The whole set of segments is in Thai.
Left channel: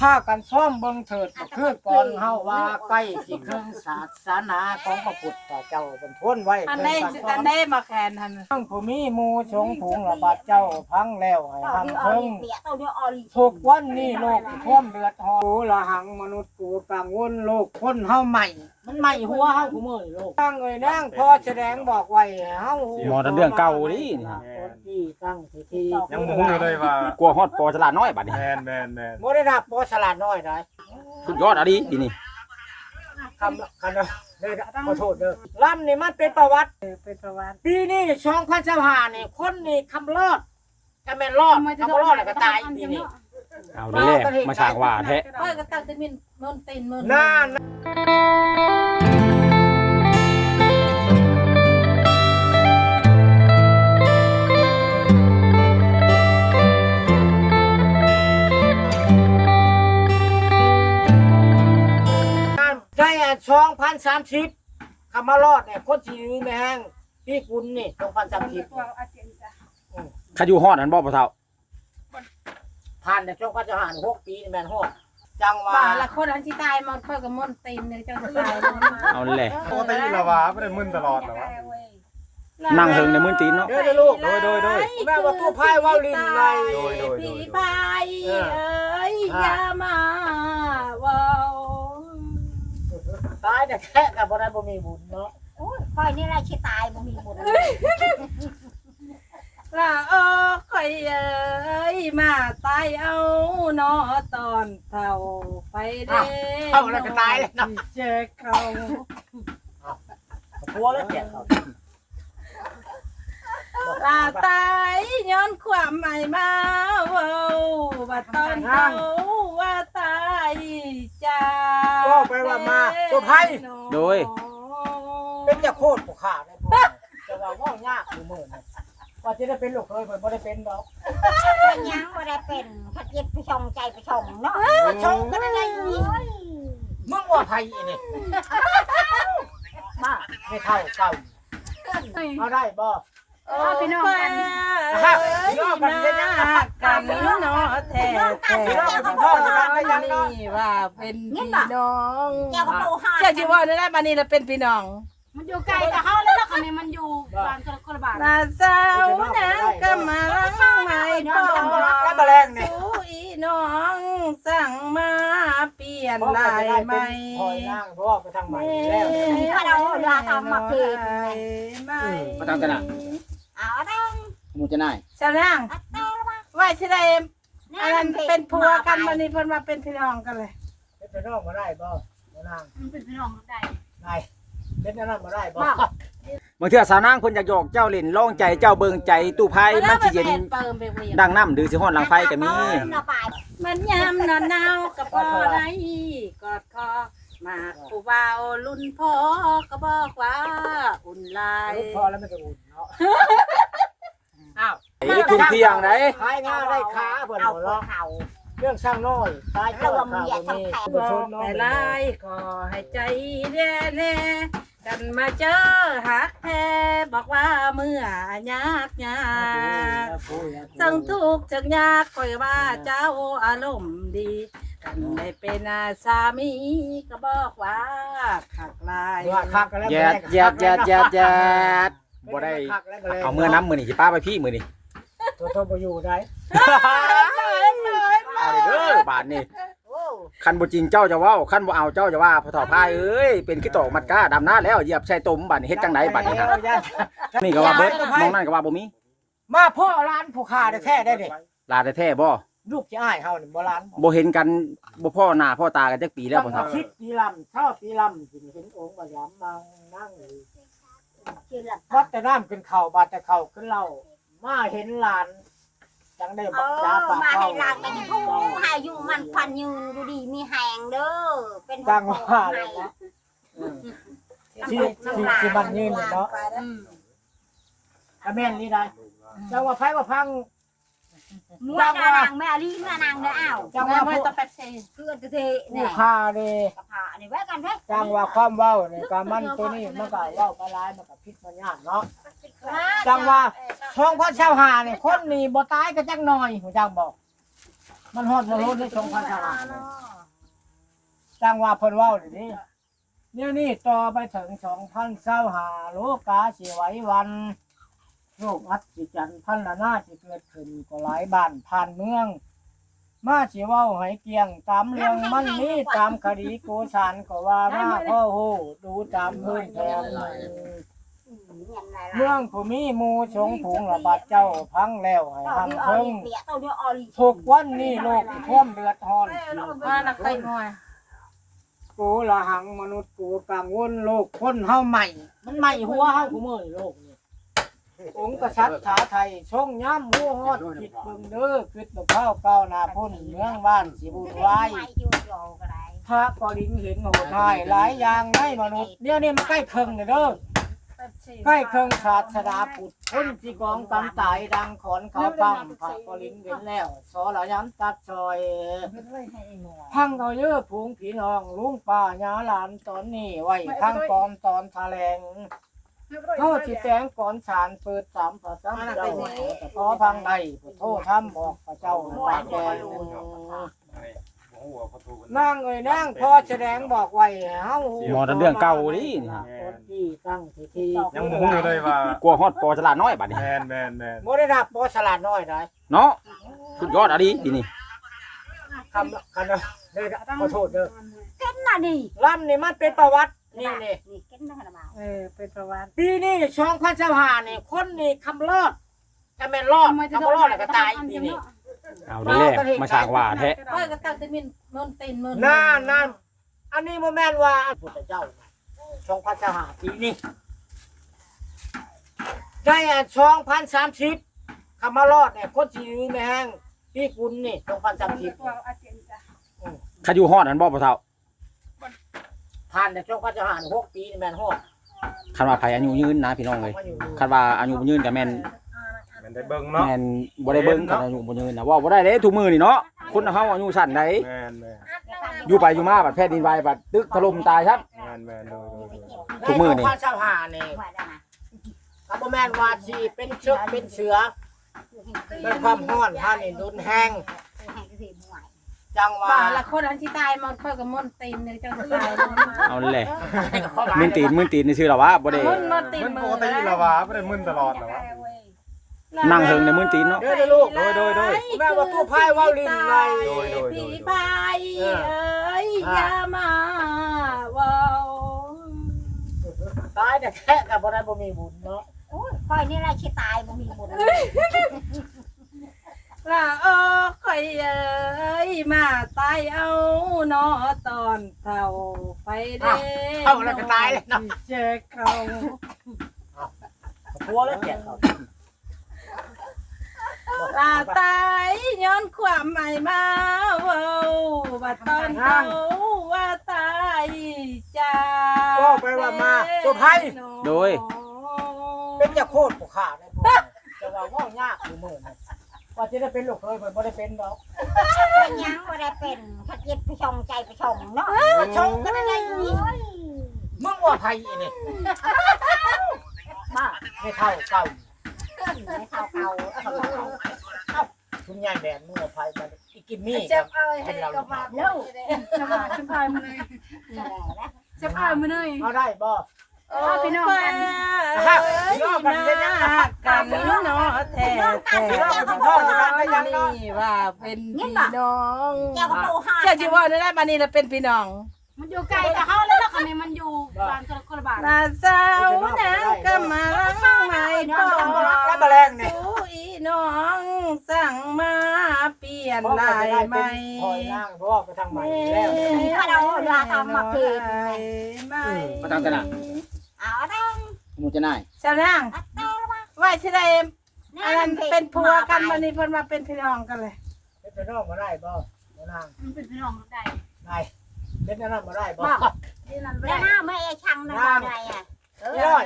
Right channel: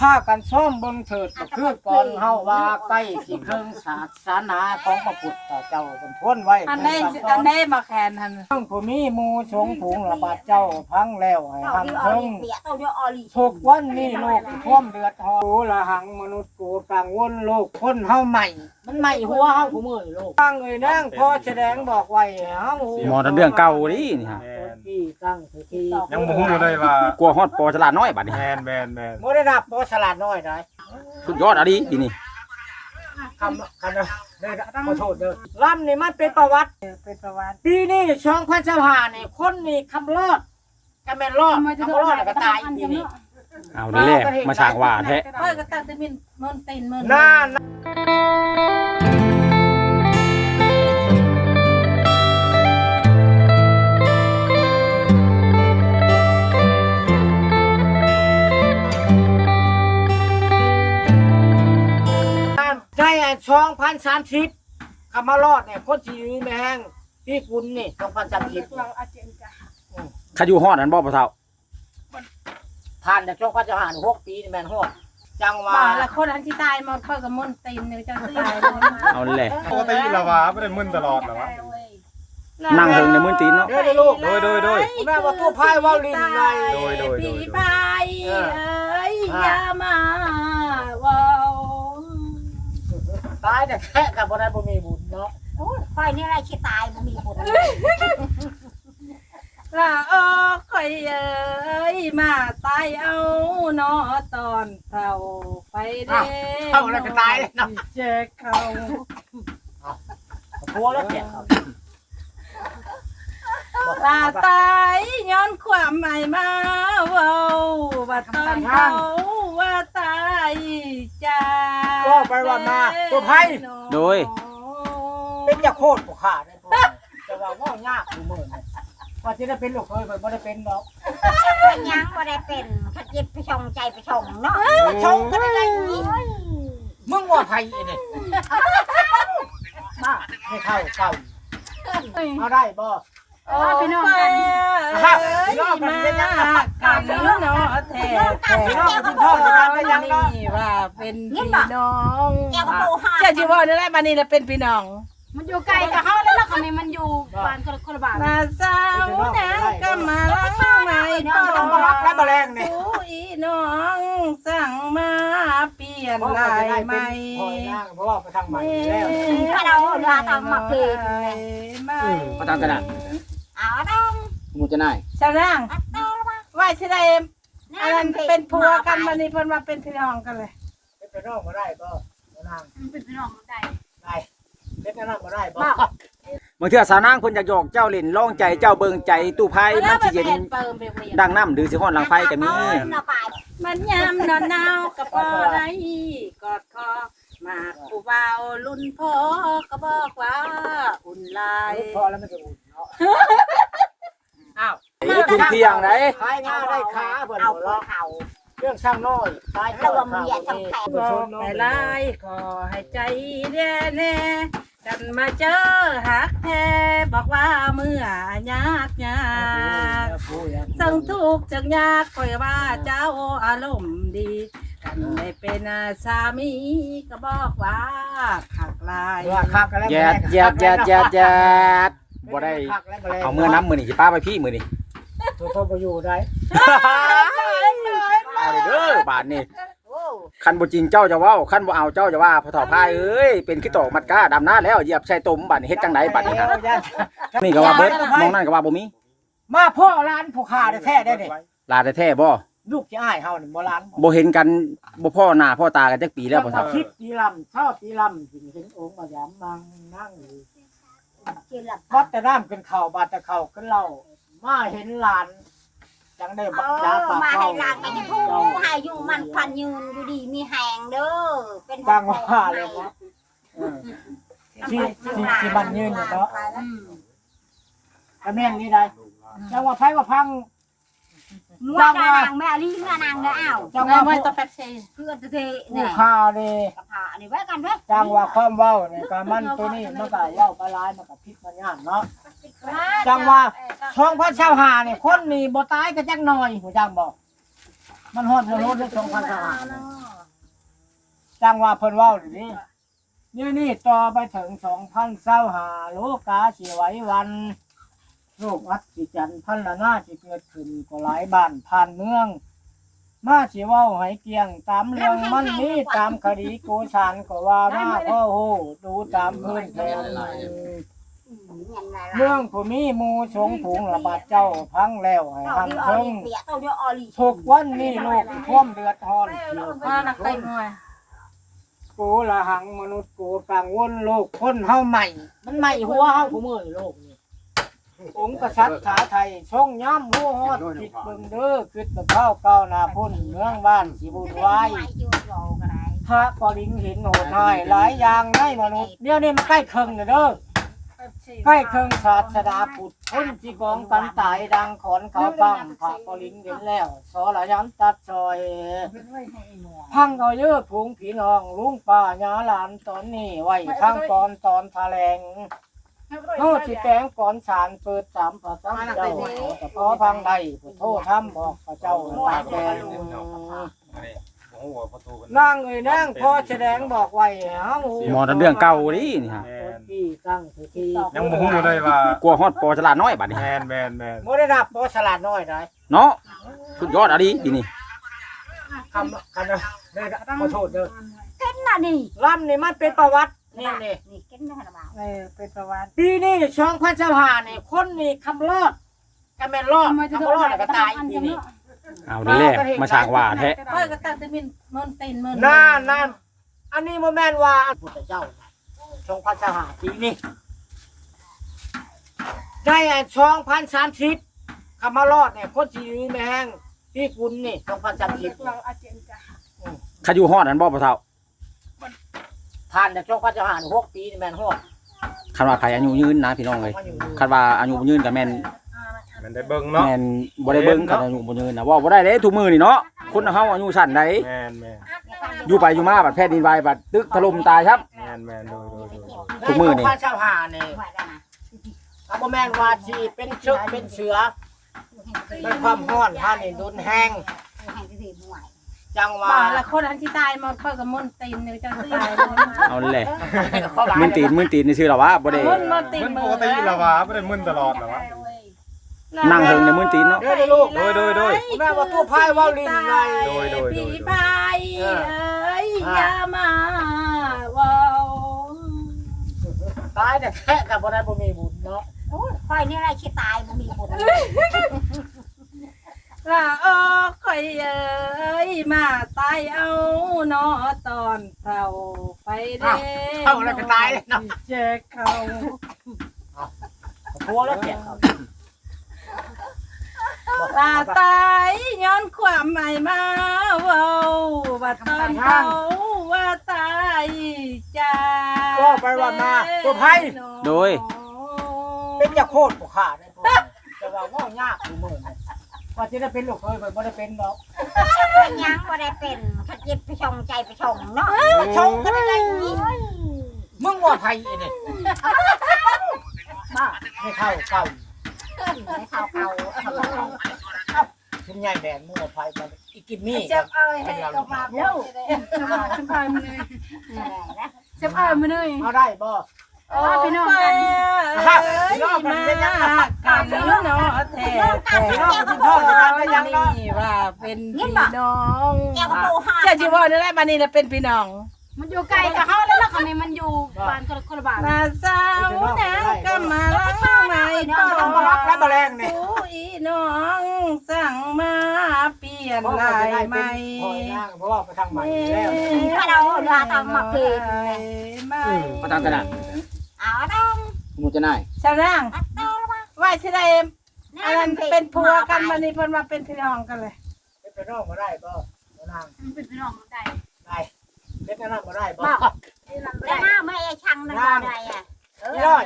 พากันซ่อมเบิ่งเถิดก็คือก่อนเฮาว่าใกล้สิครึ่งศาสนาของพระพุทธเจ้าเป็นทวนไว้อันเพิ่นี้นก็สอัอนนนี้มาแคนทันทั้งผู้มีหมู่สงฆ์ผูงระบาดเจ้าพังแล้วให้เต่าหังเดียวออเพิ่งลีเปียเต่าเดียวออลีทุกวันนี้โลกท่วมเดือดร้อนกูละหังมนุษย์กูกังวลโลกคนเฮาใหม่ มันใหม่หัวเฮาผู้มื้อนี่โลกตั้งเอ้ยนางพอแสดงบอกไว้ให้เฮาหมอทำเรื่องเก่าดินี่ฮะที่ตั้งสติยังบ่ฮู้อยู่เลยว่ากลัวฮอดปอฉลาดน้อยบัดนี้แมนแมนแมนบ่ได้รับบ่สลัดน้อยได้สุดยอดอะดิทีนี่คำคำเด้อเด้อขอโทษเด้อลำนี่มันเป็นประวัติเป็นประวัติปีนี้2025นี่คนนี่คำรอดจะแม่นรอดคำรอดแล้วก็ตายปีนี้ เอาเด้แหละมาช่างว่าแท้เฮ้ยก็ตั้งแต่มินมันตีนมันน่าได้สองพันสามสิบคำมารอดเนี่ยคนที่แม่งพี่คุณนี่สองพันสามสิบขาอยู่ฮอดอันบ่พ่อเฒ่า ผ่านจากช่วงพันจะหารหกปีนี่แม่นฮอดจังหว่าว่าละคนอันที่ตายมันเพิ่นก็มันตีนเนี่ยจะตายเอาแหละ ปกติละวะไม่ได้มึนตลอดหรอวะ นั่งเฮิงในมื้อตีนเนาะ เด้อเด้อลูกโดยโดยโดยแม่ว่าตู้พายว่าวลินไงโดยโดยโดย พี่พายเอ้ยอย่ามาเว้าตายแต่แค่กับบ่ได้บ่มีบุญเนาะ โอ้ยคอยนี่อะไรชิตายมันมีบุญ ละเออข่อยเอ้ยมาตายเอาเนาะตอนเฒ่าไปเด้เข้าแล้วก็ตายเลยเนาะ เจอเขากลัวแล้วเสียเขาลาตายย้อนความใหม่มาเว้าว่าตอนเขาว่าตายจากก็ไปว่ามาตู้พายโดย เป็นจะโคตรผู้ขาได้บ่จะว่าว่ายากอยู่มื้อนี่ ว่าจะได้เป็นลูกเคยบ่ได้เป็นดอกเป็นยังก็ได้เป็นถ้าเจ็บไปชงใจไปชงเนาะมาชงกันได้ไงนี่มึงว่าไผอีนี่มาไม่เท่าเก่าเอาได้บ่โอ้พี่น้องกันฮะพี่น้องกันเป็นยังไงกันเนาะแท้แท้พี่น้องกันเป็นพ่อจะกันเป็นยังเนาะนี่ว่าเป็นพี่น้องแก้วประตูห้าเจ้าจีว่านี่แหละบัดนี้เราเป็นพี่น้อง มันอยู่ไกลกับเขาแล้วล่ะคนนี้มันอยู่บ้านคนละบ้านมาเจ้านะก็มาล้างไม่พอทำบ่รับและบ่แรงนี่สู้อีน้องสั่งมาเปลี่ยนเพราะว่าลาจะยได้ใหเป็ม่นพอยนางเพราะว่าไปทางใหม่แล้วถ้าเราเรือทำมาเพลงไม่มาทางตลาดเอาต้องมูจะน่ายเจ้านางอัดเต้าว่าว่าสิได้อันนั้นเป็นผัวกันวันนี้เพิ่นมาเป็นพี่น้องกันเลยเป็นน้องมาได้บ่นางมันเป็นพี่น้องได้ได้ เป็นน้องมาได้บ่บางเทื่อสาวนางเพิ่นอยากหยอกเจ้าเล่นร้องใจเจ้าเบิ่งใจตู้ไพ่มันสิเย็นเติมไปเวียนดังน้ำหรือสิฮ้อนหลังไฟก็มีเราไปมันยามนอนหนาวกับพ่อไรกอดคอมาผู้บ่าวรุ่นพ่อก็บอกว่าอุ่นลายพอแล้วมันจะอุ่นเนาะอ้าวไอ้คุณเที่ยงไหนขายงาได้ขาเพิ่นเอาบ่หัวเนาะเข่าเครื่องสร้างน้อยตายเจ้าข้าวนี่บบ่ชอนกเนาะให้ลายขอให้ใจแน่แน่ กันมาเจอหักแท้บอกว่าเมื่อยากยากสังทุกข์จังยากคอยว่าเจ้าอารมณ์ดีกันได้เป็นอาสามีก็บอกว่าขักลายว่าคักกันแล้วแยดแยดแยดแยดแยดบ่ได้เอาเมื่อน้ำมือนี่สิป้าไปพี่มือนี่ตัวโตบ่อยู่ได้เอาเด้อบาทนี่โอ้ คันบ่จริงเจ้าจะเว้าคันบ่เอาเจ้าจะว่าพ่อเฒ่าพายเอ้ยเป็นขี้ตอกมัดก้าดำหน้าแล้วเหยียบใส่ตุ่มบาดนี้เฮ็ดจังไดบาดนี้ฮะนี่ก็ว่าเบิดมองนั่นก็ว่าบ่มีมาพ่อร้านผู้ค้าแท้ๆได้เด้ลาแท้ๆบ่ลูกจะอ้ายเฮานี่บ่ร้านบ่เห็นกันบ่พ่อหน้าพ่อตากันจักปีแล้วพ่อเฒ่าคิดปีลำเท่าปีลำสิเห็นองค์มายามนั่งนั่งอยู่กินหลับบัดแต่น้ำเป็นข้าวบาดแต่ข้าวขึ้นเหล้ามาเห็นหลาน จังได้เอบักจ้าอปากมาเข้าให้ลางไปจะทูให้อยู่มันควันยืนดูดีมีแหงเด้อเป็นจังว่าเลยนะ เออ ที่ที่ที่มันยืนเนี่ยเนาะ อืมกระแม่นนี่ได้จังว่าไผว่าพัง มัวนางแม่ลีเมื่อนางเด้ออ้าวจังไม่ว่าไม่ผู้ตัวเป๊ปซี่เพื่อนจะเทผู้เนี่ยค้าเด้กระเพาะอันนี้ไว้กันเด้อจังว่าความเว้าเนี่ยก็มันตัวนี้มันก็เว้าไปหลายมันก็ผิดมันยากเนาะ จังว่าช่องพันเช้าหาเนี่ยคนนี่บ่ตายก็จักหน่อยหูจังบอก มันฮอดบ่ฮอดในสองพันสหาเลยจังว่าเพิ่นเว้าดินี่นี่นี่ต่อไปถึงสองพันเศร้าหาโลกาสิไหววันโรคอัศจรรย์พันละหน้าที่เกิดขึ้นก็หลายบ้านผ่านเมือง มาสิเว้าให้เกียงตามเรื่องมันมีตามคดีโกชานก็ว่ามาพ่อโหดูตามพื้นแผน เมืองผู้มีหมู่สงผงระบาดเจ้าพังแล้วให้เต่าหันเดียวออเพิ่งลีเปียเต่าเดียวออลีทุกวันนี้โลกท่วมเดือดร้อนเกี่ยวก็นักไปหน่อยกูละหังมนุษย์กูกังวลโลกคนเฮาใหม่ มันใหม่หัวเฮาผู้มือนี่โลกนี่องค์กษัตริย์ขาไทยทรงย้ำหัวฮอดจิตเบิ่งเด้อคิดตะเท้าเก้าหน้าพุ่นเมืองบ้านสิบุญไว้อยู่โยก็ได้พระก็ลิงเห็นโหดหายหลายอย่างในมนุษย์เดี๋ยวนี้มันใกล้เคิงแล้วเด้อ ใกล้เครื่องศาสนาพุทธคนที่กองกันตายดังขอนเขาปังพระปริงเห็นแล้ว สอละยันตัดซอย พังเอาเยอะพุงผีน้อง ลุงป้าญาหลานตอนนี้ไว้ข้างตอนตอนทะแลงเฮาสิแปลงก่อนสารเปิดตามพระเจ้าแต่พอพังใดพุทโธทำบอกพระเจ้าตามแดง หัวประตูนางเอ้ยนางพอแสดงบอกไว้เฮาหมอเรื่องเก่าดินี่ฮะที่ตั้งที่ที่ยังบ่ฮู้เลยว่ากลัวฮอดปอฉลาดน้อยบัดนี้แมนแมนแมนบ่ได้รับบ่ฉลาดน้อยได้เนาะสุดยอดอะดิดีนี่คำคำเด้อขอโทษเด้อเก้นน่ะนี่ลำนี่มันเป็นประวัตินี่นี่นี่เก้นน่ะนะบ่าวเออเป็นประวัติปีนี้ช่องพันสภาเนี่ยคนนี่คำรอดจะเป็นรอดคำรอดแล้วก็ตายปีนี้ เอาเด้อมาสร้างว่าแท้เฮ้ยก็ตั้งแต่มินเมินตีนเมินน่านั่นอันนี้โมแมนว่าพุทธเจ้าช่องพันสภาปีนี้ได้ช่องพันสามสิบคำมารอดเนี่ยคนที่ยืนแมงพี่คุณนี่ช่องพันสามสิบขาอยู่ฮอดอันบ่พ่อเฒ่าผ่านแต่ช่องพันสภาหกปีนี่แมนฮอดคันว่าไผอายุยืนนะพี่น้องเอ้ยมาอยู่คันว่าอายุบ่ยืนก็แม่น มันได้เบิ่งเนาะแม่นบ่ได้เบิ่งคันอายุบ่ยืนนะเว่าบ่ได้เด้ทุกมื้อนี่เนาะคนเฮาอายุสั้นใดแมนแมนอยู่ไปอยู่มาบัดแผ่นดินไหวบัดตึกถล่มตายครับ แมนแมนดูดูดูทุกมื้อนี่ช่องพันสภาเนี่ยว่าได้นะคำโมแมนว่าที่เป็นเชือกเป็นเสือเป็นความห้อนท่านนี่ดุนแห้งให้ก็สิบ่ไหวจังว่าป่าละคนอันที่ตายมาเพิ่นกับมินตีนเนี่ยจังตายเอาแหละมึนตีนมึนตีนนี่ชื่อเราว่าบ่ได้มินมินตีนมันมืปอกติละวะไม่ได้มึนตลอดหรอวะ นั่งเฮิงในมึนตีนเนาะเด้อเด้อลูกโดยโดยโดยแม่ว่าตัวพายว่าวลินไงโดยโดยโดย พี่พายเอ้ยอย่ามาเว้าตายแต่แค่กับบ่ได้บ่มีบุญเนาะโอ้ยคอยนี่แหละสิตายบ่มีบุญละเออข่อยเอ้ยมาตายเอาเนาะตอนเฒ่าไปเด้เข้าแล้วก็ตายเลยเนาะ เจอเขาพัวแล้วแก่เขา ลาตายย้อนความใหม่มาเว้าว่าตอนเขาว่าตายจากก็ไปว่ามาตัวพายโดย เป็นยาโคตรผู้ขาได้บ่แต่ว่าว่ายากอยู่มื้อนี้ว่าสิได้เป็นลูกเคยมันบ่ได้เป็นดอกเป็นหยังบ่ได้เป็นถ้าเจ็บไปชงใจไปชงเนาะมาชงกันได้ไงนี่มึงว่าไผอีนี่บ้าไม่เท่าเก่า ไม่เข้าเขาชุมใหญ่แดนมึงว่าไผมันอีกิมมี่เจ็กับเอ้ยให้กับมาเร็วจะมาพายมาเลยจะพายมาเลยเอาได้บ่โอ้พี่น้องกันพี่น้องกันเป็นยังไงกันเนาะแท้พี่น้องกันพ่อจะกันเป็นยังเนาะนี่ว่าเป็นพี่น้องแก้วกระปูหาเจ้าจิว่านี่แหละมานี่ละเป็นพี่น้อง มันอยู่ไกลกับเขาแล้วล่ะคนนี้มันอยู่บ้านคนคนละบ้านมาเจ้านะก็มาไม่ก็ทำบ่รักและแมลงนี่สู้อีน้องสั่งมาเปลี่ยนเพราะลาว่าจะได้ยเป็ใหนม่พลอยนางเพราะว่าไปทางใหม่แล้วถ้าเราเรือทำมาคืนไม่มาทางตลาดเอาต้องหมู่จะนายชาวนางเอาละว่าว่าชิได้อันนั้นเป็นผัวกันมานี่เพิ่นมาเป็นพี่น้องกันเลยเป็นน้องมาได้บ่นางมันเป็นพี่น้องได้ได้ เป็นน้องมาได้บ่ที่นั่นแล้วได้มาไม่ไอ้ชังนั่นบ่ได้อะพี่น้อย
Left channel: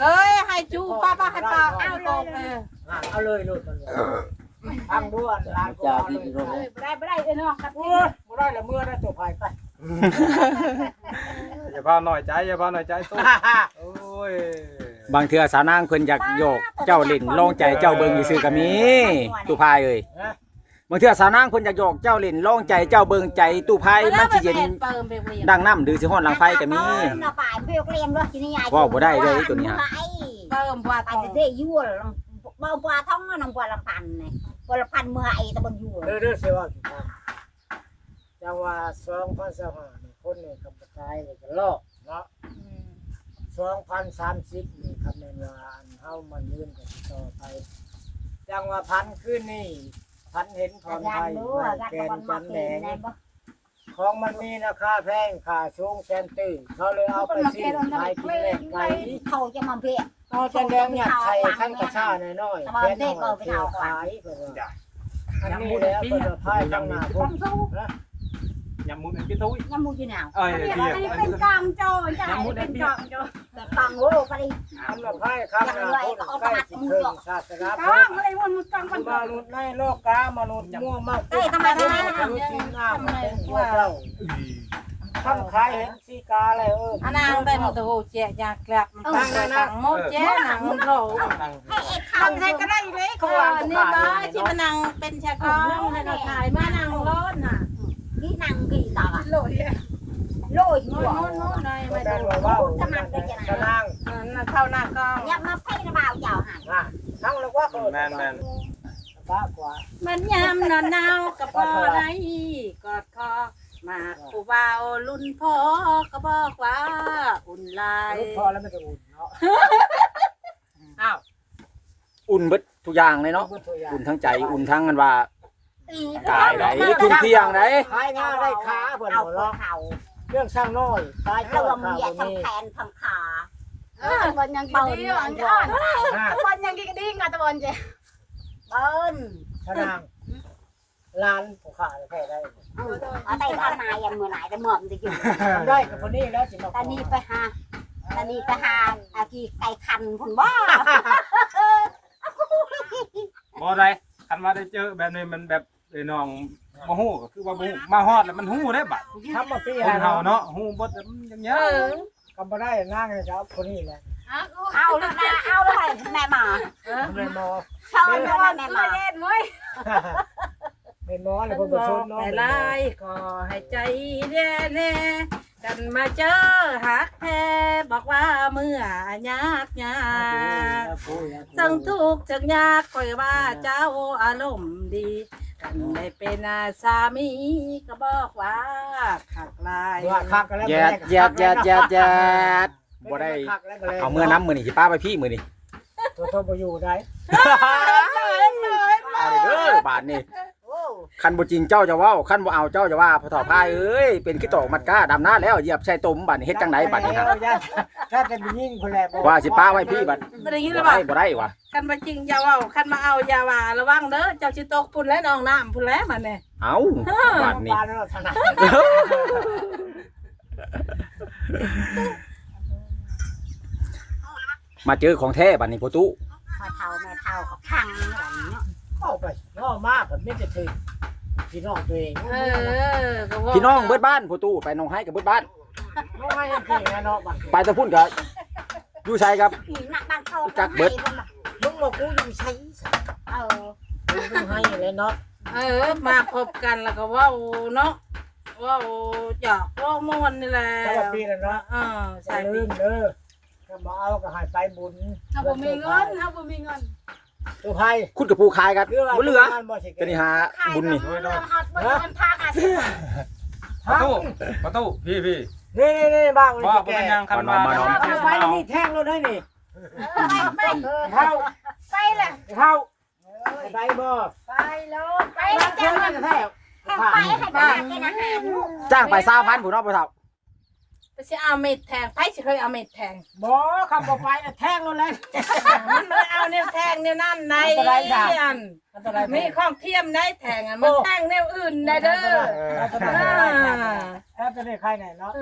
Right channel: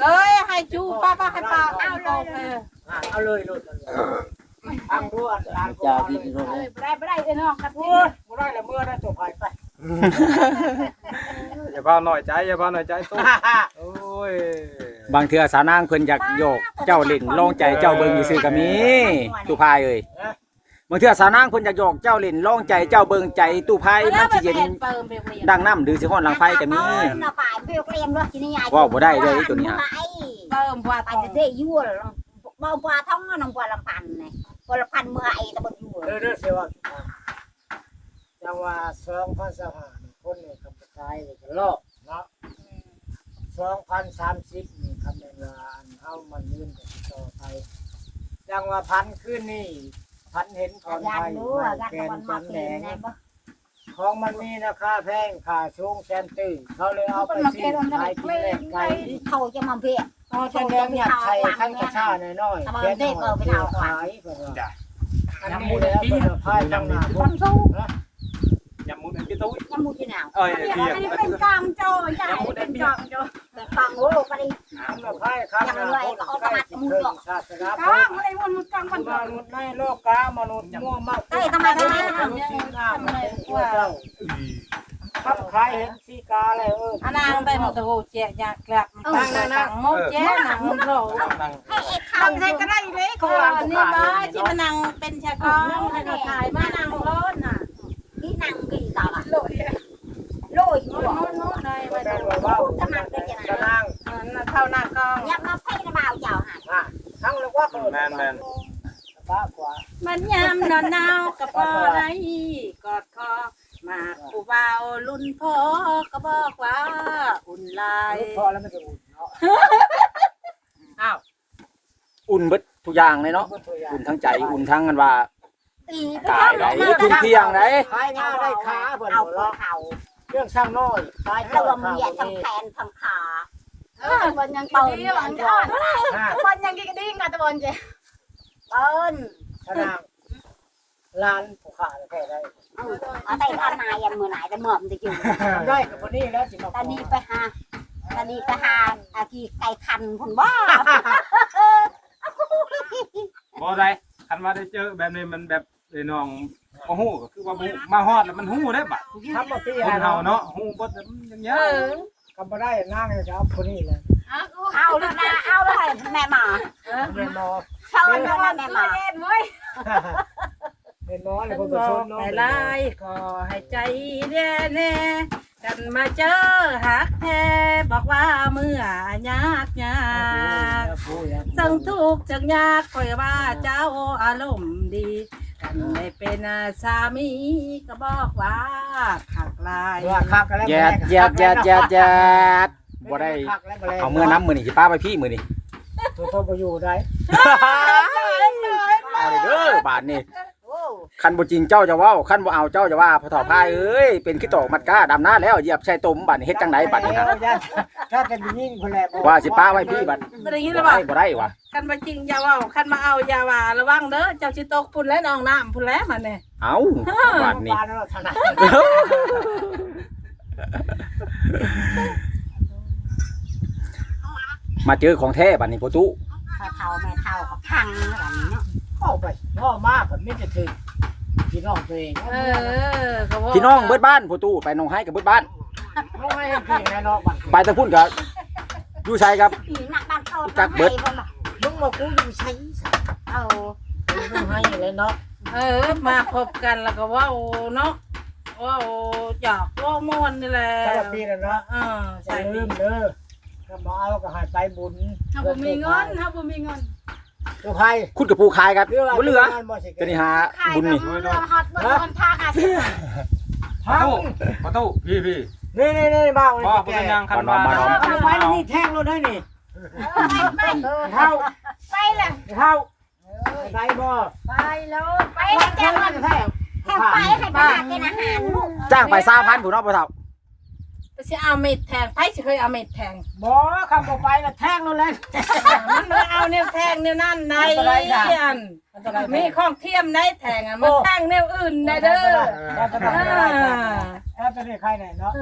เอ้ยให้จูป้าป้าให้ป้าเอาเลยเออเอาเลยลูกมันทางด้วนทางก่อนได้ไม่ได้เลยน้องครับโอ้ยบ่ได้ละเมื่อได้ตัวพายไปอย่าพาหน่อยใจอย่าพาหน่อยใจสู้โอ้ยบางเทื่อสาวนางเพิ่นอยากโยกเจ้าเล่นลองใจเจ้าเบิ่งซื่อๆก็มีตุพายเอ้ย บางเทื่อสาวนางเพิ่นอยากหยอกเจ้าเล่นร้องใจเจ้าเบิ่งใจตู้ไพ่มันสิเย็นเปิมไปเรียนดังน้ำหรือสิฮ้อนหลังไฟก็มีน่ะป่านเพียกเรียมด้วยที่นี่ยายว่าบ่ได้เด้อไอ้ตัวนี้ฮะเปิมว่าไปทองจะได้ยั่วบ่บ่ท้องน้ำบ่ลำพันนี่บ่ลำพันเมื่อไอ้ตะบนยั่วเด้อเด้อเสียว่าจังว่า2025นี่คนนี่กำลังตายเลยก็ลอกเนาะ2030นี่คำแม่นว่าอันเฮามันยืนกันต่อไปจังว่าพันขึ้นนี่ พันเห็นถอนยัไทนยรู้ไม้กันแกนมันจัมานแดเก่งงในบ่ของมันมีราคาแพงค่าสูงแสนตื้อเขาเลยเอาไปซื้อขายกินแลกไก่เขาจะมาเพียเอาจันแดงหยัดใส่ขั้นกระชาหน่อยๆแค่นหอยเที่ยวขายเพิ่นว่าอันนี้แล้วเพิ่นว่าพายข้างหน้าพวกทำสู้ยำมุนไอ้พี่ตุ้ยยังมูที่หนาวเอ้ยอันพี่นี้เป็นกลางโจ้ใช่เป็นกลางโจ้แต่ฟังโอ้ไปดิอันว่าพายข้างหน้าพวกใกล้สิถึงศาสนา พุกทลางธอะไรมันมันกลางมันมนุษย์ในโลกกามนุษย์ม่วงมากมนุษย์สีหน้ามันเป็นตัวเจ้าทำขายเห็นสีกาอะไรเอออันนางไปมันตะโกเจี๊ยยากแกลบมันตั้งโมเจ๊นางมันโถให้ไอ้ข้าวทำใครก็ได้เลยเขาก่อวางนของนี่ขายบ้าเองที่เนาะมันนางเป็นชาของนั่งแล้วก็ถ่ายมานางรถน่ะ ที่นั่งกี่ตาโลดโลยโน่นโน่นโน่นเลยไม่ดูนว่าเว้าสนางมันเข้าหน้ากล้องย่ามาเพ่งบ่าเจ้าหันอะทั้งแล้วว่าเออแมนแมนบ้ากว่ามันยามนอนหนาวกับพ่อไรกอดคอมาผู้บ่าวรุ่นพ่อก็บอกว่าอุ่นลายพ่อแล้วมันจะอุ่นเนาะอ้าวอุ่นเบิดทุกอย่างเลยเนาะ อุ่นทั้งใจ อุ่นทั้งกันว่า ตีกายไดคุณเที่ยงไดขายง่ายได้ขาเพิ่นเอาบ่หัวเนาะเข่าเครื่องสร้างน้อยตายแล้วเจ้าว่าขาเมียบ่มีทำแขนทำขาเออบอลยังกินเปิ้ลดีหวังอ่อนฮะบอลยังกินดีงานตะบอลเจ้เปิ้ลสนางลานผู้ขาแท้ได้เอาเอาแต่ทำนายังมือไหนแต่เมื่อมันจะอยู่ทำได้กับคนนี้แล้วสิมาตอนนี้ไปหาตอนนี้ไปหาอากีไก่คันคุณว่าบ่ได้คันมาได้เจอแบบนี้มันแบบ ไอ้น้องบ่ฮู้ก็คือว่าบ่ฮู้มาฮอดแล้วมันฮู้ได้บัดทำมาปีคนแล้วเฮาเนาะเนาะฮู้บ่ได้มันยังเงี้ยก็บ่ได้นั่งเลยจะเอาคนนี้แหละเอาเลยนะเอาเลยแม่หมาแม่นบ่เข้าเลยแม่หมาเล่นเว้ยแม่นบ่เลยเพิ่นบ่ชนเนาะแต่ลายขอให้ใจแน่แน่กันมาเจอหักแท้บอกว่าเมื่อยากยากสังทุกข์จังยากคอยว่าเจ้าอารมณ์ดีกัน ได้เป็นสามีก็บอกว่าขักลายว่าคักกันแล้วแยดแยดแยดแยดแยดบ่ได้เอาเมื่อน้ำมือนี่สิป้าไปพี่มือนี่ตัวโตบ่อยู่ได้เอาเลยเด้อบาทนี่โอ้ คันบ่จริงเจ้าจะเว้าคันบ่เอาเจ้าจะว่าพอถอพายเอ้ยเป็นขี้ตอกมัดก้าดำหน้าแล้วเหยียบใส่ตุ่มบาดนี้เฮ็ดจังไดบาดนี้ฮะถ้าจะมียิ่งคนแหละว่าสิป้าไว้พี่บาดไม่ได้ยินบ่เลยได้ว่าบ่ได้วะคันมาจริงอย่าเว่าคันมาเอาอย่าว่าระวังเด้อเจ้าชิตกพุ่นและนองน้ำพุ่นแล้วมันเนี่ยเอาบาดนี้ปานเราถนัดมาเจอของแท้บาดนี้พ่อตู้แม่เท่าแม่เท่ากับพังอะไรเนาะ เข้าไปน้อมากกับมิจะถึงพี่น้องตัวเองเออก็ว่าพี่น้องเบิดบ้านพ่อตู้ไปหนองไห้กับเบิดบ้าน น้องให้พี่ไงน้องบัดไปแตะพุ่นกับอยู่ไสครับผีหนักบ้านเขาจักเบิด มึงมากูอยู่ใช้เอามึงให้เลยเนาะเออ มาพบกันแล้วก็เว่าเนาะเว่าหยอกเว่ามวนนี่แหละถ้าปีนั้นเนาะเอออย่าใส่ลืมเด้อถ้ามาเอาก็ให้ไปบุญถ้าผมมีเงินถ้าผมมีเงิน ตัวไพ่คุณกับผู้ขายกันบ่เหลือจะนี่หาขายบุญนี่เรือฮอตบนเงินพาหาสิประทั้งตูประตูพี่พี่นี่นี่นี่บ้างเลยว่าบ่แกเป็นหยังคันเอาไปแล้วนี่แท่งรถได้นี่เท่าไปแหละเท่าไปบ่ไปแล้วไปร้านแจ้เท่างเงิกันนแท้ให้ไปให้ไปกินอาหารลูกจ้างไป3,000ผู้เนาะพ่อเฒ่าไป สิเอาเม็ดแทงไผสิเคยเอาเม็ดแทงบ่คำบ่ไปน่ะแท่งรถแล้วมันไม่เอาแนวแทงแนวนั่นในอันตรายจ้ะอันมีของเทียมได้แทงอะมันแทงแนวอื่นได้เด้อถ้าจะได้ถ้าจะได้ใครไหนเนาะ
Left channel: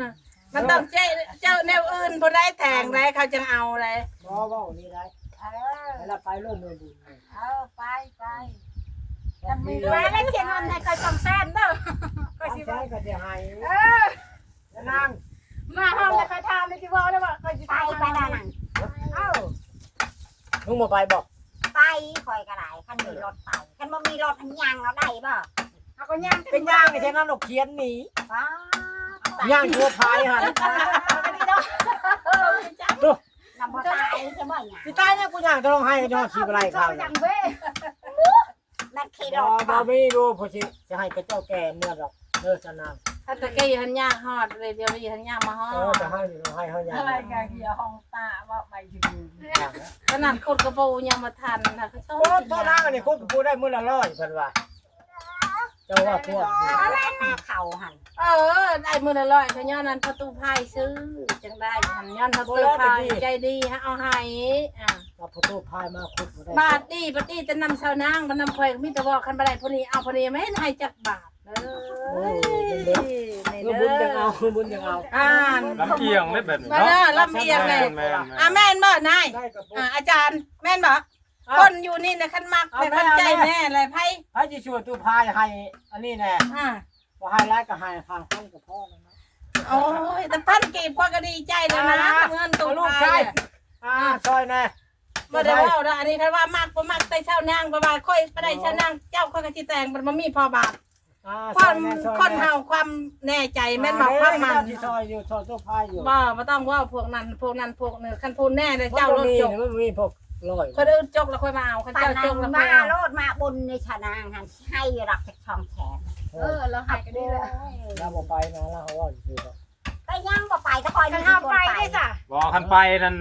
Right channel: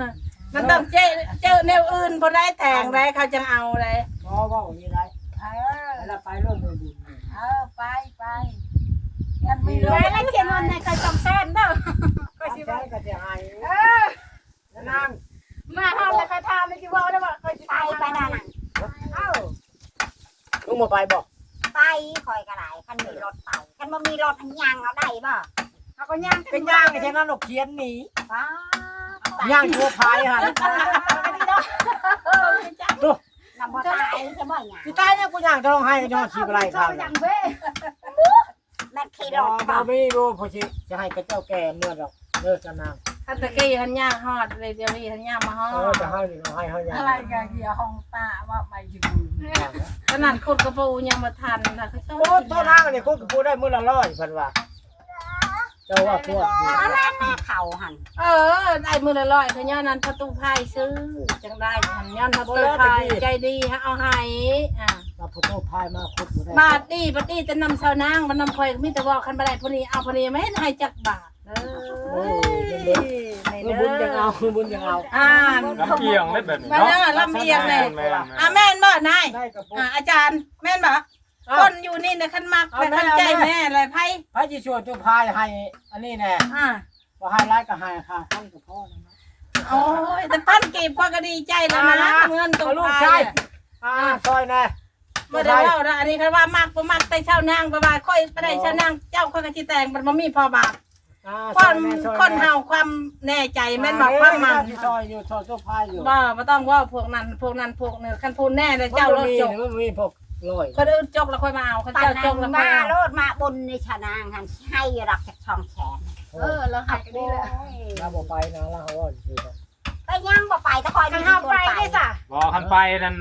มันต้องเจเจอแนวอื่นพอได้แทงได้เขาจังเอาเลยบ่ว่านี่ไรเออแล้วไปร่วมมือบุญเออไปไปยังมีแม่แล้วเขียนวันในใครจำแฟนเด้อก็ก็สิสิว่าว่าก็สิให้เออนั่ง มาห้ามแล้วใครทำไม่คิดว่าได้ว่าใครจะไปทำไปอะไรนั่นเอ้ามึงบ่ไปบ่ไปคอยก็ได้คันมีรถไปคันบ่มีรถยังเอาได้บ่เขาก็ยังเป็นยางไอ้เท่านั้นหรอกเขียนหนีย่างทั่วพายหันนำบ่ตายใช่บ่หยังสิตายเนี่ยกูย่างจะต้องให้ย้อนชีบไรข้าวยัน่ะงเว้แม่ขี่รถบ่มีรู้พอสิจะให้กับเจ้าแก่เมื่อดอกเลิกจะนาง ถ้าตะกี้หันย่างฮอดเลยเดี๋ยวนี้หันย่างมาฮอเออดจะให้นี่เราให้เฮาย่างอะไรกันเกี่ยวห้องตาว่าไปถึงขนาดคนกระปูยังมาทันค่ะเขาชอบโอ้โทษนางอันนี้คุกกูได้มื้อละร้อยเพิ่นว่าเจ้าว่าพวกนี่แม่เขาหันเออ ได้มือละร้อยเขาย้อนนั้นประตูพายซื้อจังได้หันย้อนประตูพายใจดีฮะเอาให้อะเอาพอโตพายมาคุดบ่ได้บาทดีบาทดีแต่นำชาวนางมันนำคอยมีแต่ว่าคันบ่ได้พอนี้เอาพอนี้ไม่ให้จักบาทเออ เมื่อบุญยังเอาเมื่อบุญยังเอาอ่านลำเอียงได้แบบนี้มาเนาะเนาะลำเอียงเลยแม่นๆอะแม่นบ่นายได้กับพวกอะอาจารย์แม่นบ่คนอยู่นี่นะคันมักแต่คันใจแม่อะไรไพ่พระจิช่วยตัวพายให้อันนี้แน่อะบ่ให้ร้ายก็ให้ค่ะท่านกับพ่อแล้วเนาะโอ้ยแต่พันกีบพอก็ดีใจแล้วนะเงินตัวลูกพาชายยอ่าซอยแน่บ่ได้เว้าละอันนี้คันว่ามักบ่มักแต่ชาวนางบ่ว่าค่อยบ่ได้ชาวนางเจ้าค่อยก็สิแต่งมันบ่มีพอบาทอ่า ความคนเฮาความแน่ใจแม่นบอกความมันที่ซอยอยู่ซอยตัวพายอยู่บ่บ่ต้องเว่าพวกนั้นพวกนั้นพวกนี้คันพูดแน่เลยเจ้าโลดจกมันมีพวกลอยคนอื่นจกแล้วค่อยมาเอาคันปาเจ้าจกนแล้วางค่อยมาเอาโลดมาบนในชานางหันให้รักจากช่องแขนเออเราหายกันได้แล้วเราบ่ไปนะเราเขาว่าสิครับไปยังบ่ไปถ้าคอยกันห้าไปได้สะบ่คันไปนั่น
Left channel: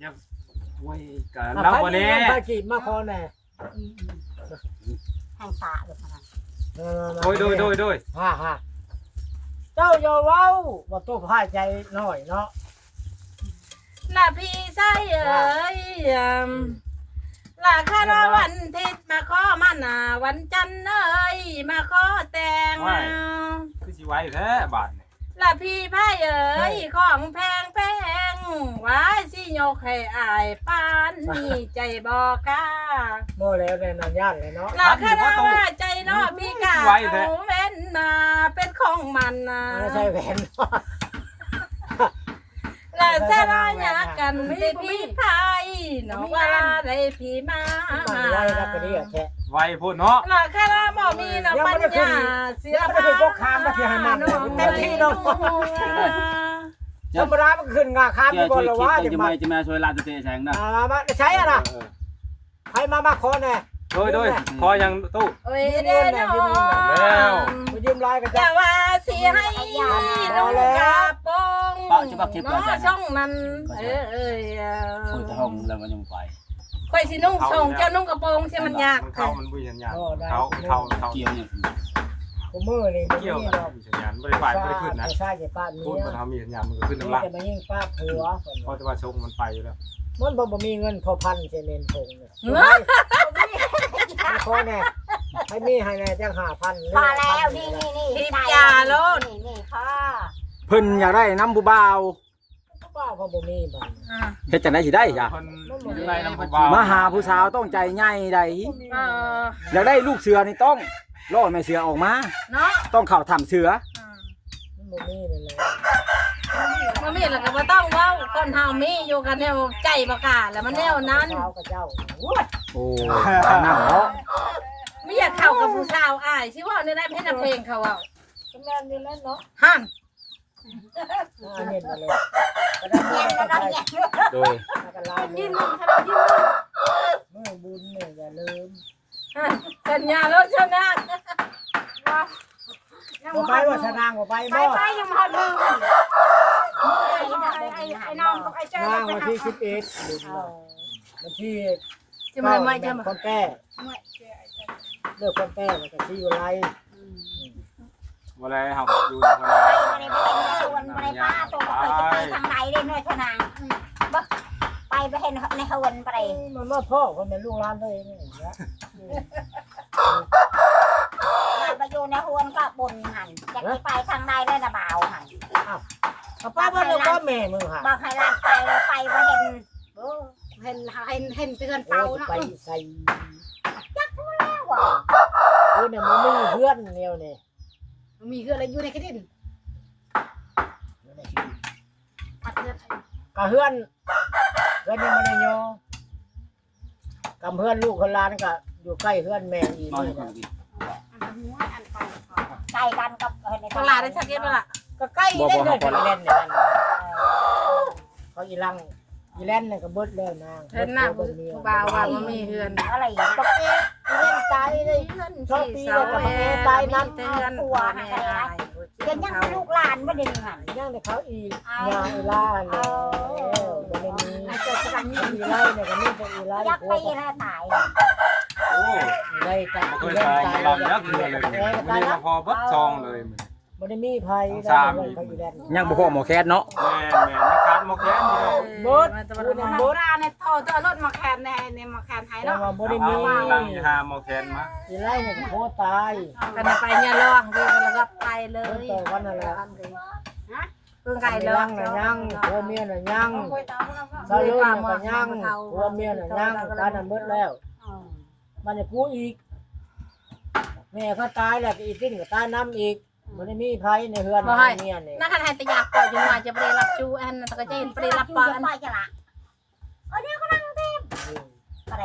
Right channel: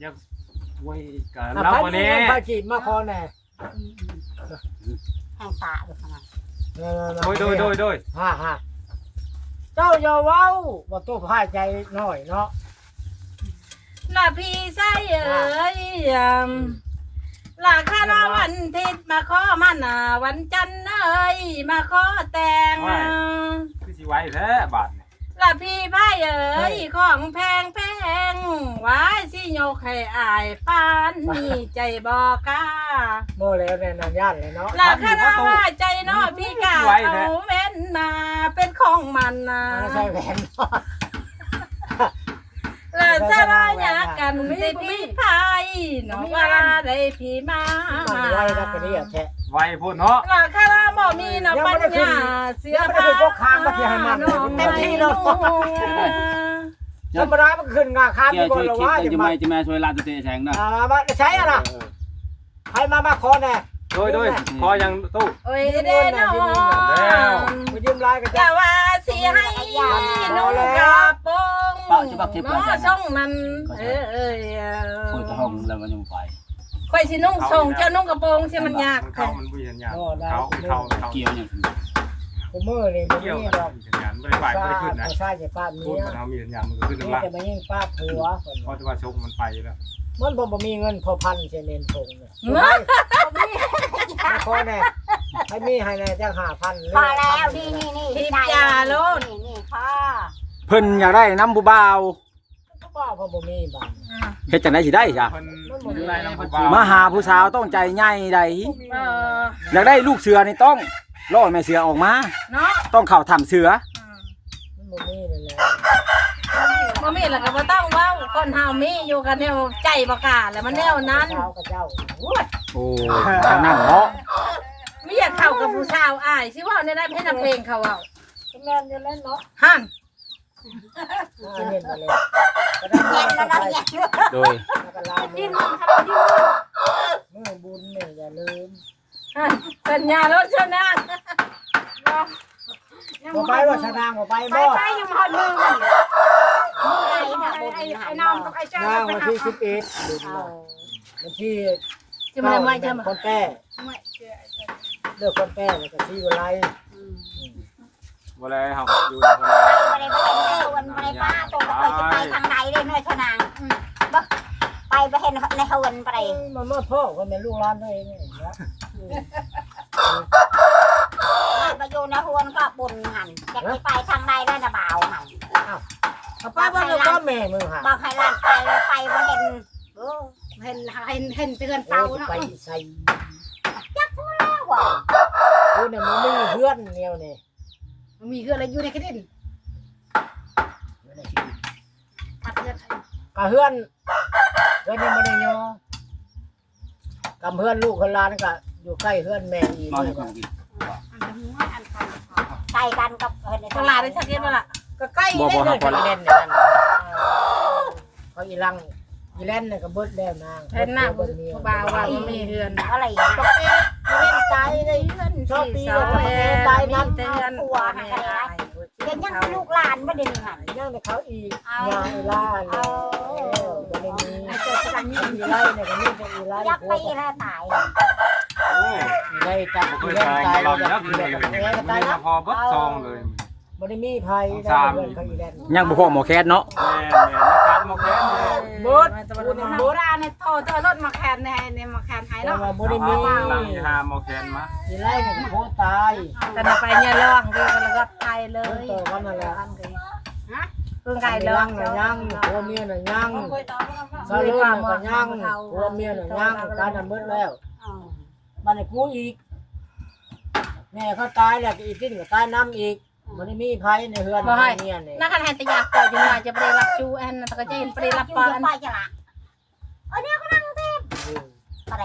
อย่าไว้กันอะแล้วไปวันนี่นี้ไปจีบมาคอแน่แห่งตาอยู่ขนาด โดยโดยโดยโดยฮ่าฮ่าเจ้าอย่าเว้าว่าตัวพายใจน้อยเนาะล่ะพี่ใส่เอ้ยอืมล่ะคาราวันทิศมาขอมาหน้าวันจันทร์เอ้ยมาขอแต่งคือสิไว้แท้บาดนี่ ล่ะพี่พายเอ้ยของแพงแพงไว้สิโยกให้อายปานนี่ใจบอกกล้าโม่แล้วแน่นอนญาติเลยเนาะหลักคณะว่าใจเนอพี่กาเอาเว้นมาเป็นของมันนะไม่ใช่แหวนหลักสลายากันไม่พี่พายน้องว่าได้พี่มามันไว้แล้วก็ดีอะแท้ ไว้พูดเนาะหลักคณะบ่มีน้ำปัญญาเสียยังไม่ได้ขึ้นพวกค้างมาที่ให้มันเลยเต็มที่เนาะธรรมดามันขึ้นงาค้างแกไปก่อช่วนยแล้วคิดว่าแต่จะจะมาไม่จะมาช่วยลานตะเตะแสงนะอ่ามาใช้อะนะใครมามาคอแน่โดยโดยพอยังตู้โอ้ยเด้นอนไปยืมลายกันแต่จ้ะว่าสิให้นุ่งกระโปรงน้อช่องนั้นเอ้ยช่วยตะห้องแล้วมันยังไป ค่อยสินุ่งส่งเจ้านุ่งกระโปรงใช่มันยากเข้ามันบ่ยันยากเขาเขาเขาเกี่ยวอย่างนั้นกูมือนี่มันเกี่ยวนี่กัดอบกมีสัญญาณบ่ได้ไหวบ่ได้ขึ้นนะใช่จะป้าพูเมีดยมันเฮามีสัญญาณมันก็ขึ้นนี่น้ำละจะมายิ่งป้าผัวคนเพราะว่าชงมันไปแล้วมันบ่บ่มีเงินพอพันเจเนนทงเนี่ยมาคอแน่ให้มีให้แน่จังห้าพันพอแล้วนี่นี่นี่นี่นี่พ่อเพิ่นอยากได้น้ำผู้บ่าว ก็บ้าพอบ่มีบ้านเฮ็ดจังได๋สิได้จ้ะมันอยู่ในน้ำพันมาหาผู้สาวต้องใจใหญ่ใดเอออยากได้ลูกเสือนี่ต้องล่อแม่เสือออกมา เนาะต้องเข้าถ้ำเสือมันบ่มีนี่แหละบ่มีแล้วก็บ่ต้องเว้าคนเฮามีอยู่กันแนวใจบ่กล้าแล้วมันแนวนั้นเจ้ากับเจ้าโอ้ทางนั้นเนาะไม่อยากเข้ากับผู้สาวอ้ายสิเว่าในได้เพลงเพลงเขาเว้าแม่นอยู่แล้วเนาะ หั่นอ่าเห็นมาเลย ก็ได้เย็นก็แล้วได้เย็นโดยก็ลามืดิ้อนมันค่ะดิ้นมันมือบุญเนี่ยอย่าลืมขันสัญญาแล้วชนะยังบ่ไปว่าชนะบ่ไปไปบ่ไปยังหอดมือมันไอ้ไอ้ไอ้น้องกับไอ้เจ้าย่างไปวันหาที่สิบเอ็ดวันที่จะมาไม่จะมาคนแก่เลือกคนแก่แล้วก็ที่วันไร บ่ได้ครับอยู่ในคนละไปไปไปในวันไปป้าตัวไปจะไปทางใดเลยเนื้อชนางไปไปเห็นในฮวนไปมันมาพ่อคนเป็นลูกหลานเลยนี่นะไปอยู่ในฮวนก็บุญหันจะไปทางใดได้นะบ่าวหันเอาป้าว่าลูกก็แม่มึงค่ะบอกให้ลานไปไปว่าเห็นเห็นเห็นเห็นเตือนเป่าเป่าเนาะไปใส่ว่าเออเนี่ยมันไม่มีเพื่อนเดีย วนี่มีคืออะไรอยู่ในกระดิ่งทัดเลือดกะเพื่อนเพื่อนยังไม่ได้ยอกำเพื่อนลูกคนหลานก็อยู่ใกล้เพื่อนแม่อีกนอนนี่คนกินใส่กันกับเออในตลาดได้ชักเย็นไหมล่ะก็ใกล้ได้เลยอีแลนเนี่ยนั่นเขาอีลังอีแลนเนี่ยก็เบิดแล้วนางเห็นหน้าผู้บ่าวว่ามันมีเฮือนอะไรอย่างก็เอ๊ะอีเล่น ใจได้เฮือนชอบตีเสาแล้วก็แอเอ๊ะร์ใจมีนั้นเตือนหัวแม่ได้เห็นยังเป็นลูกหลานไม่ได้ยังไงย่างในเขาอีกงานอีล่าเลยก็ไม่มีเกิดกำลังยืนอีไล่เนี่ยก็มีแต่อีไล่ยักพไปวกแล้วตายโอ้อีไล่จับบ่อีเคยเล่นตายตายเราแล้วนักอีเลเล่ยนตายก็มัตายนแล้วพอบัดซองเลย บ่ได้มีภัยได้เพื่อนเขาอีแลนยังบ่พอหมอแคสเนาะแม่แม่นักการโมแคนเลยเบิดพูดในโบราณในโทรเจอรถมาแคนในในมาแคนหายแต่เนาะว่าบ่ได้มีลังหาโมแคนมาอีไล่เนี่ยก็โคตรตายกันไปเนี่ยร้องคือกันแล้วก็ไปเลเพิ่นยต่อกันนั่นแหละเพิ่งไก่ร้องน่ะยังผัวเมียน่ะยังซาเลื่อนน่ะก็ยังผัวเมียน่ะยังตายน่ะหมดแล้วมันได้กูอีกแม่เขาตายแล้วก็อีกที่ก็ตายน้ำอีก บ่ได้มีภัยในเฮือนเมียนี่นักขันให้ตะยากก่ออยู่มาจะไปรับจูแอนตะก็จะเห็นไปรับปานไปจะละเออเดี๋ยวก็นั่งเต็มอะไร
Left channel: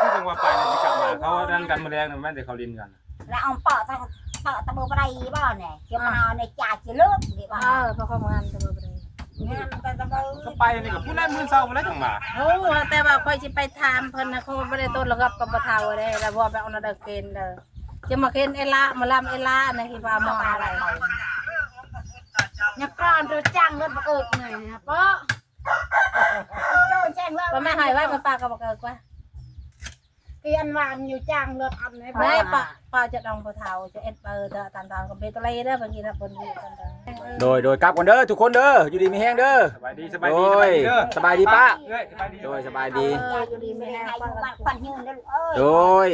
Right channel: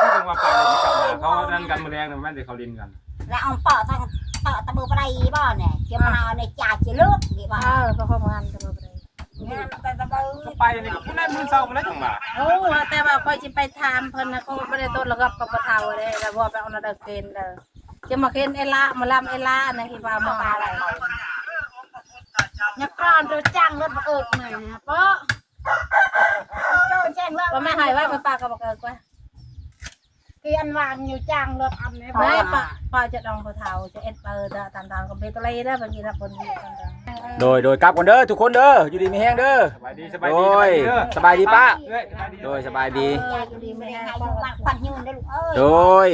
ที่จังว่าไปเลยจะกลับมาเขาดันกันมาแรงเนี่ยแม่นแต่เขาลินกันแล้วเอาเปาะตะเปาะตะบูไปบ่เนี่ยเกี่ยวมาในจ่าจะเลือกดีป่ะเออเพราะความงานจะมาไปเนี่ยมันเป็นตะบูก็ไปนี่ก็ได้มื้อเช้าแล้วจังมาโอ้แต่ว่าคอยจะไปถามเพิ่นนะเขาไม่ได้ต้นระกับกับปะเทาเลยแล้วพอไปเอานาเดเกนเด้อ จะมาเคนเอล่ามาลำเอล่านั่นคือว่ามาอะไรเนี่ยก่อนเราจ้างรถมาเอิกหน่อยนะเปาะโจ้แจ้งว่าว่าแม่หายไว้มันปากก็บอกเออกว่าเกียนวางอยู่จ้างรถอันนี้ไม่ปะปาจะดองปะเทาจะเอ็ดเปิดตามทางกับเบตเลยได้บางทีนะบนวีตามทางโดยโดยกลับก่อนเด้อทุกคนเด้ออยู่ดีมีแฮงเด้อสบายดีสบายโดดียสบายดีป้าเอ้ยสบายดีโดยสบายดีเอออยู่ดีไม่แห้งควันยืนได้ลูกเออโดย